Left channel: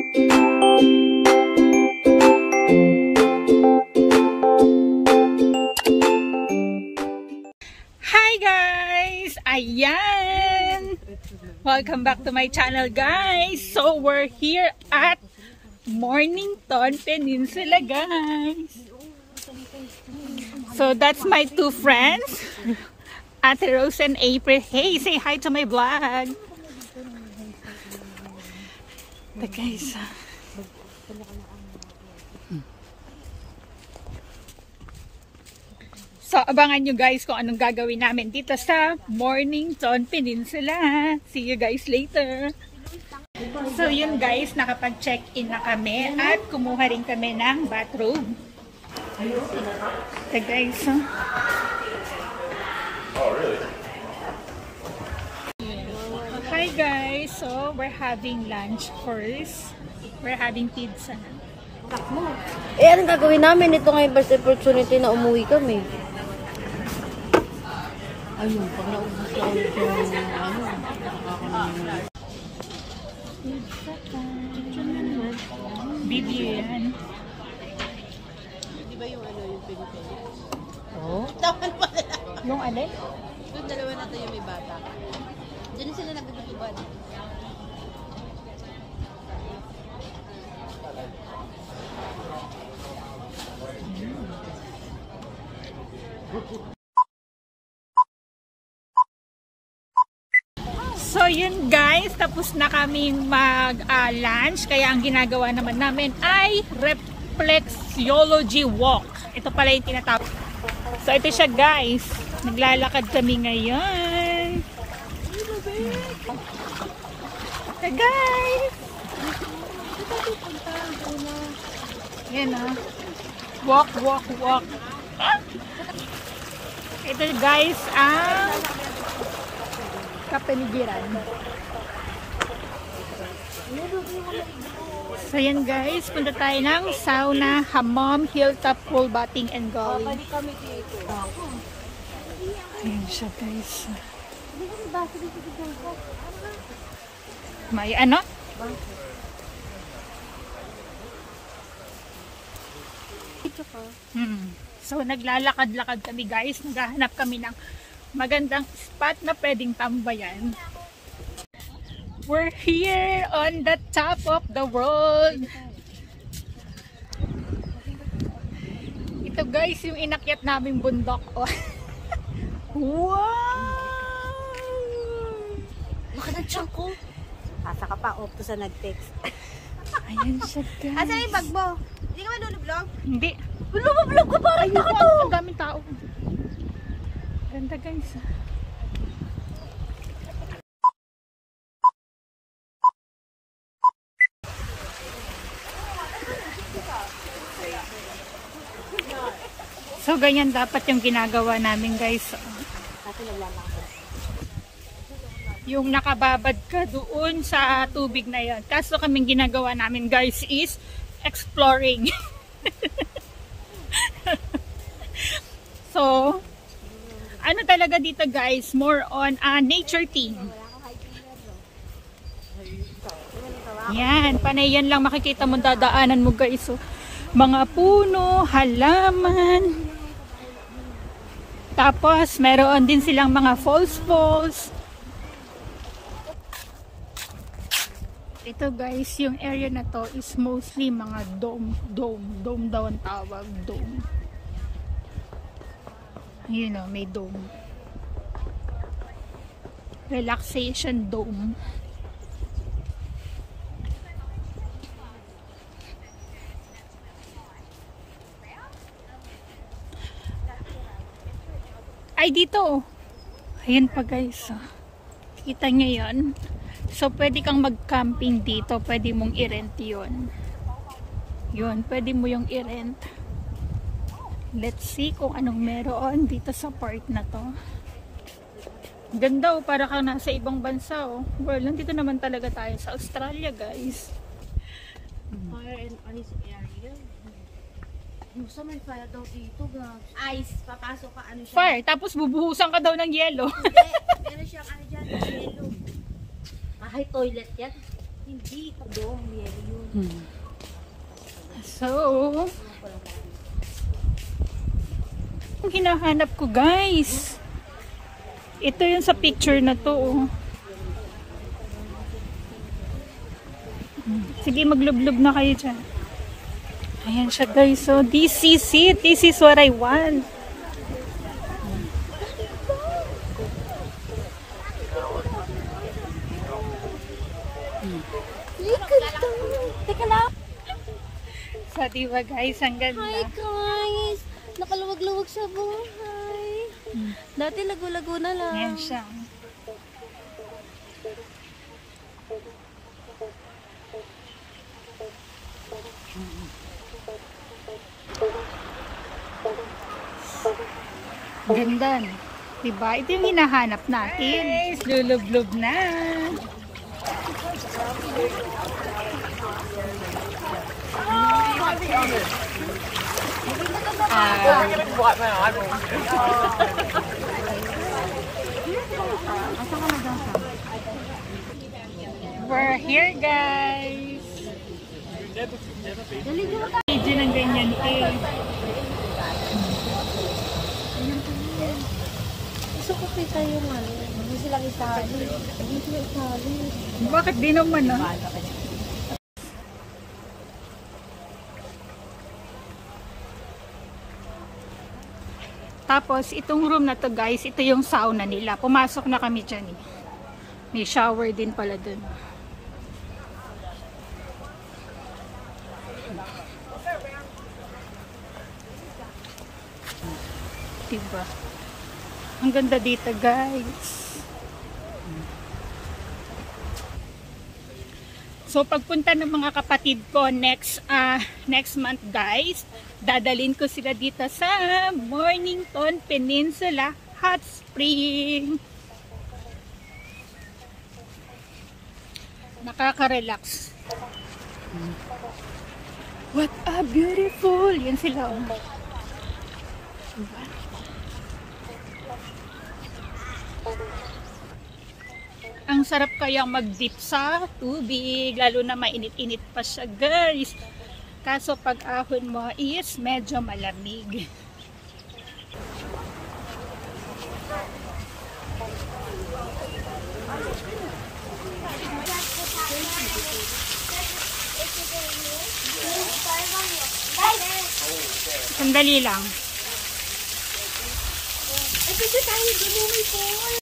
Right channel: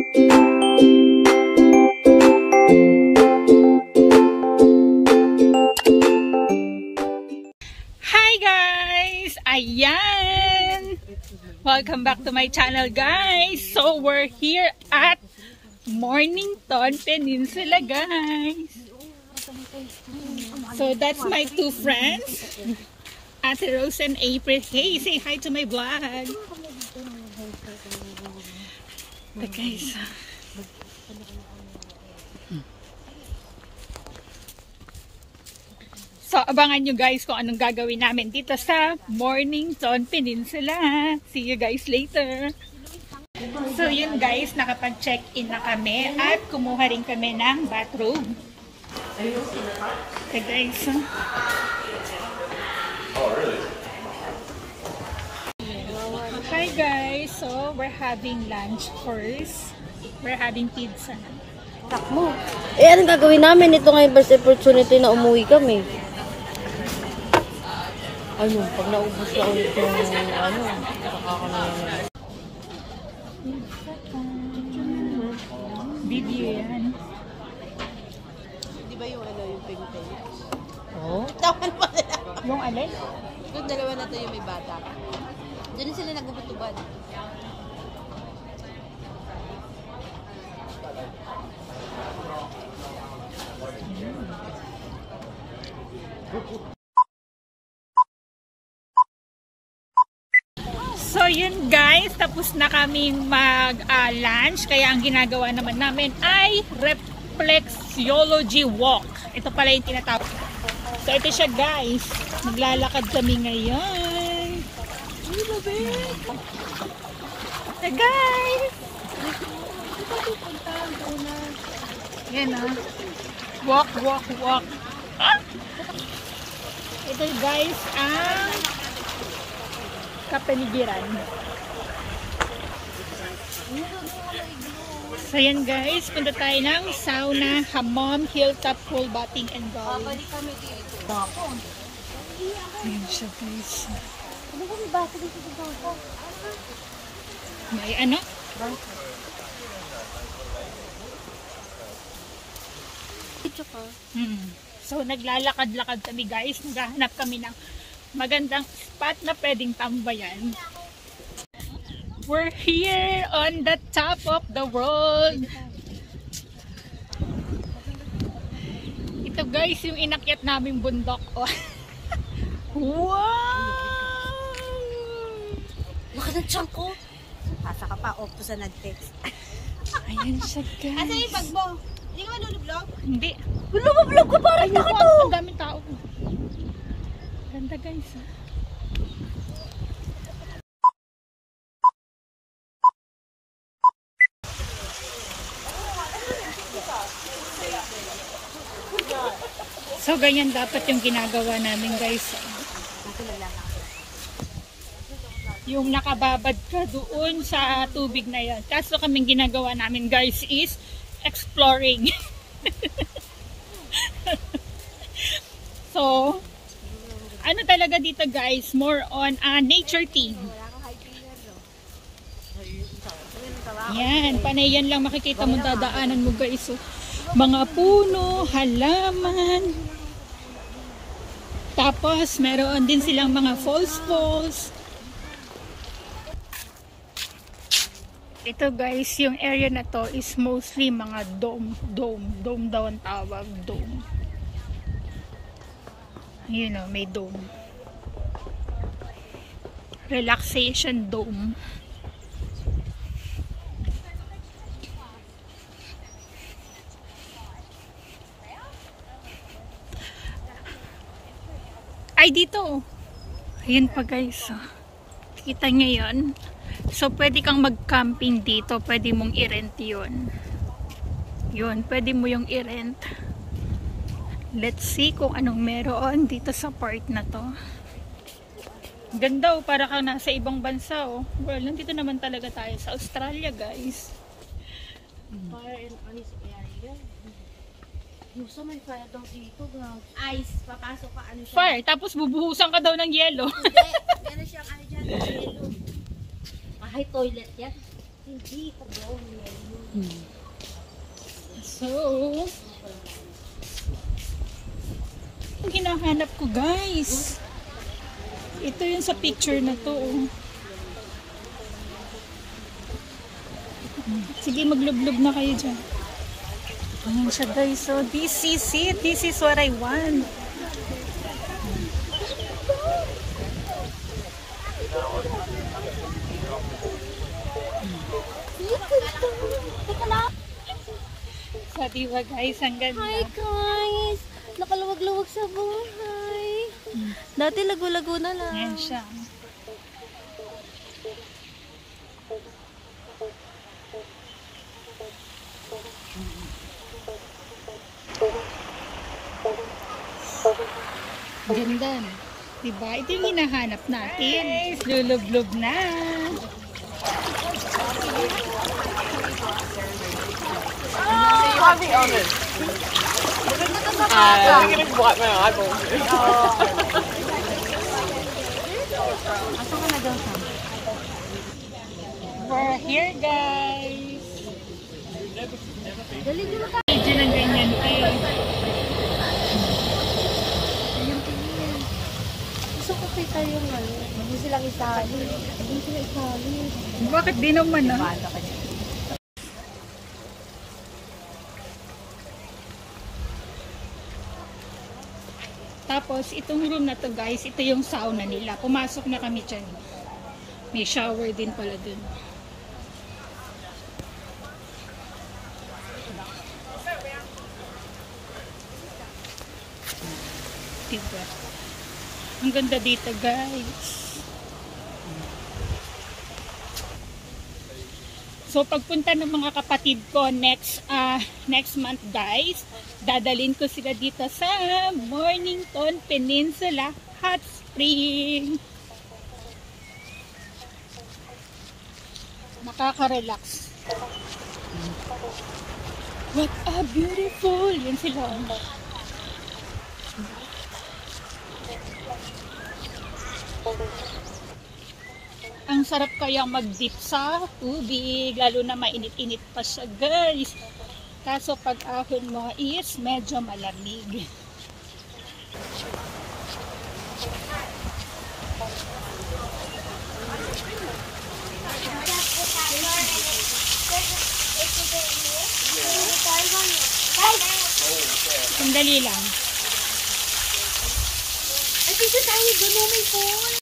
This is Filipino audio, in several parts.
Hi guys! Ayan! Welcome back to my channel guys! So we're here at Mornington Peninsula guys! So that's my two friends, Ate Rose and April. Hey, say hi to my vlog! The guys... So, abangan nyo guys kung anong gagawin namin dito sa Mornington Peninsula. See you guys later. So, yun guys, nakapag-check-in na kami at kumuha rin kami ng bathroom. So, guys, hi guys. So, we're having lunch first. We're having pizza. Takmo. Anong gagawin namin? Ito ngayon first opportunity na umuwi kami. Ano, pag naubos na ulit ng ano, nakakalaman. Bibian. Di ba yung ano yung pinipili? Oo? Tawan mo na. Yung alin? Yung dalawa na tayo may bata. Diyan sila nagbubutuban. So yun guys, tapos na kaming mag-lunch. Kaya ang ginagawa naman namin ay reflexology walk. Ito pala yung tinatawag. So ito siya guys. Naglalakad kami ngayon. So guys. Yan ah. Walk, walk, walk. Ito guys ang kapaligiran. So yan guys, punta tayo ng sauna, hammam, hilltop, pool, bathing, and golly. Ayan siya guys. May ano? So naglalakad-lakad kami guys, naghahanap kami ng magandang spot na pwedeng tambayan. We're here on the top of the world. Ito guys, yung inakyat naming bundok. Oh. Wow! Laka ng tiyan ko. Pasa ka pa, opto sa nag-text. Ayan siya guys. Asa yung bag mo? Hindi ka madulog-vlog? Hindi. Vlog ka para Ayoko, ang daming tao. Ganda guys. So ganyan dapat yung ginagawa namin guys. Yung nakababad ka doon sa tubig na yan. Kaso kaming ginagawa namin guys is exploring. So ano talaga dito guys, more on nature theme. Yan, panay yan lang makikita mo, dadaanan mo guys. So, mga puno, halaman. Tapos meron din silang mga falls. Ito guys, yung area na to is mostly mga dome daw ang tawag, dome. You know, may dome. Relaxation dome. Ay, dito. Ayan pa guys. Kita nyo yun. So, pwede kang mag-camping dito. Pwede mong i-rent yun. Yun, pwede mo yung i-rent. Let's see kung anong meron dito sa part na to. Ganda oh, para kang nasa ibang bansa oh. Well, nandito naman talaga tayo sa Australia guys. Fire and ice area. Yung sa may fire daw dito, ice, papasok ka ano siya. Fire, tapos bubuhusan ka daw ng yelo. Hindi, meron siyang ano dyan, yelo. Ay, toilet yan. Hindi ka doon. So, ang hinahanap ko guys, ito yung sa picture na to. Oh. Sige, maglublob na kayo dyan. Ayan siya guys. So, this is it. This is what I want. Teka lang. So, diba guys, ang ganda. Hi guys! Nakaluwag-luwag sa buhay. Dati lago-lago na lang. Ayan siya. Ganda. Diba? Ito yung hinahanap natin. Guys, lulublob na. We're here guys. Medyo ng ganyan eh. Gusto ko kita yung ano. Hindi silang itali. Hindi sila itali. Bakit di naman ah? Tapos, itong room na to guys, ito yung sauna nila. Pumasok na kami dyan. May shower din pala dun. Diba? Ang ganda dito guys. So, pagpunta ng mga kapatid ko next month guys, dadalhin ko sila dito sa Mornington Peninsula Hot Spring. Nakaka-relax. What a beautiful! Yan sila. Ang sarap kayang mag-dip sa tubig, lalo na mainit-init pa siya guys. Kaso pag ahon mo is medyo malamig. Sandali lang. Ay, kasi tayo doon may phone.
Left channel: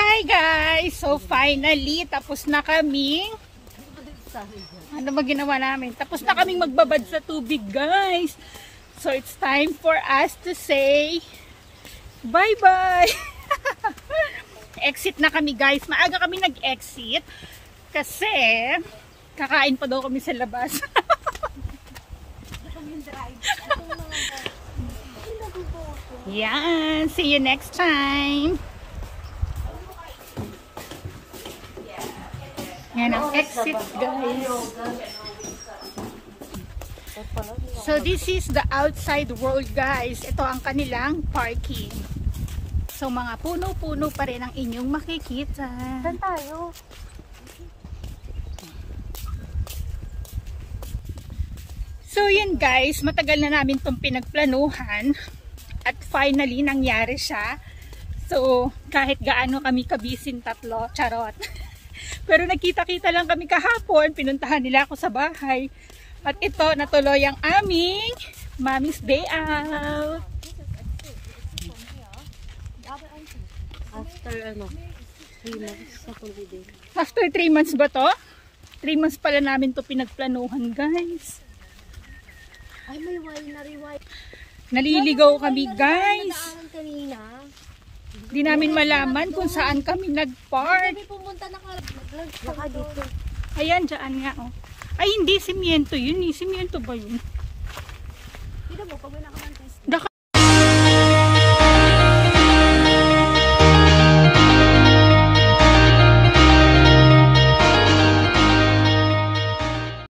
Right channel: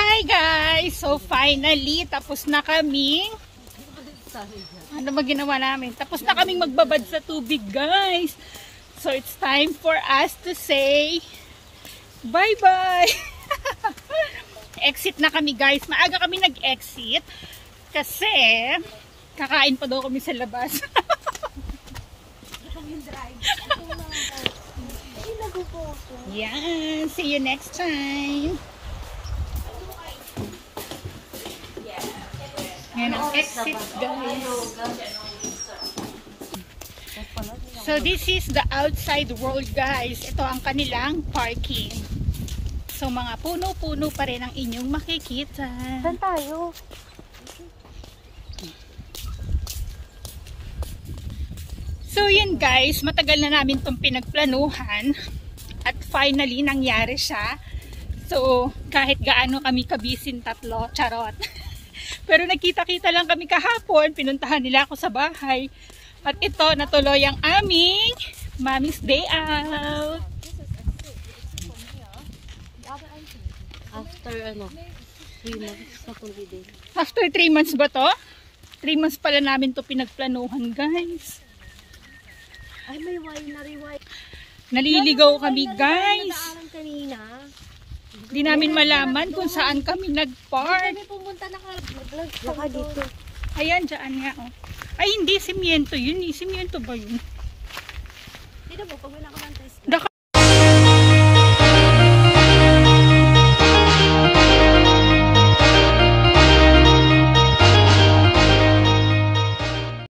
Hi guys! So finally, tapos na kaming ano ba ginawa namin? Tapos na kaming magbabad sa tubig guys. So it's time for us to say bye-bye! Exit na kami guys. Maaga kami nag-exit kasi kakain pa daw kami sa labas. Yan! See you next time! Yan ang exit guys. So this is the outside world guys. Ito ang kanilang parking. So mga puno-puno pa rin ang inyong makikita. Saan tayo? So yun guys, matagal na namin itong pinagplanuhan. At finally nangyari siya. So kahit gaano kami kabisin tatlo, charot. Pero nagkita-kita lang kami kahapon, pinuntahan nila ako sa bahay. At ito, natuloy ang aming Mommy's Day Out. After 3 months sa holiday. After 3 months ba to? 3 months pala namin to pinagplanuhan guys. Ay, may winery. Naliligaw kami guys. Kanina. Hindi namin malaman kung saan kami nag-park. Kami pumunta na dito. Ayan, dyan nga oh. Ay, hindi, simiento yun eh. Simiento ba yun? Dito mo, pag may nakamang twist.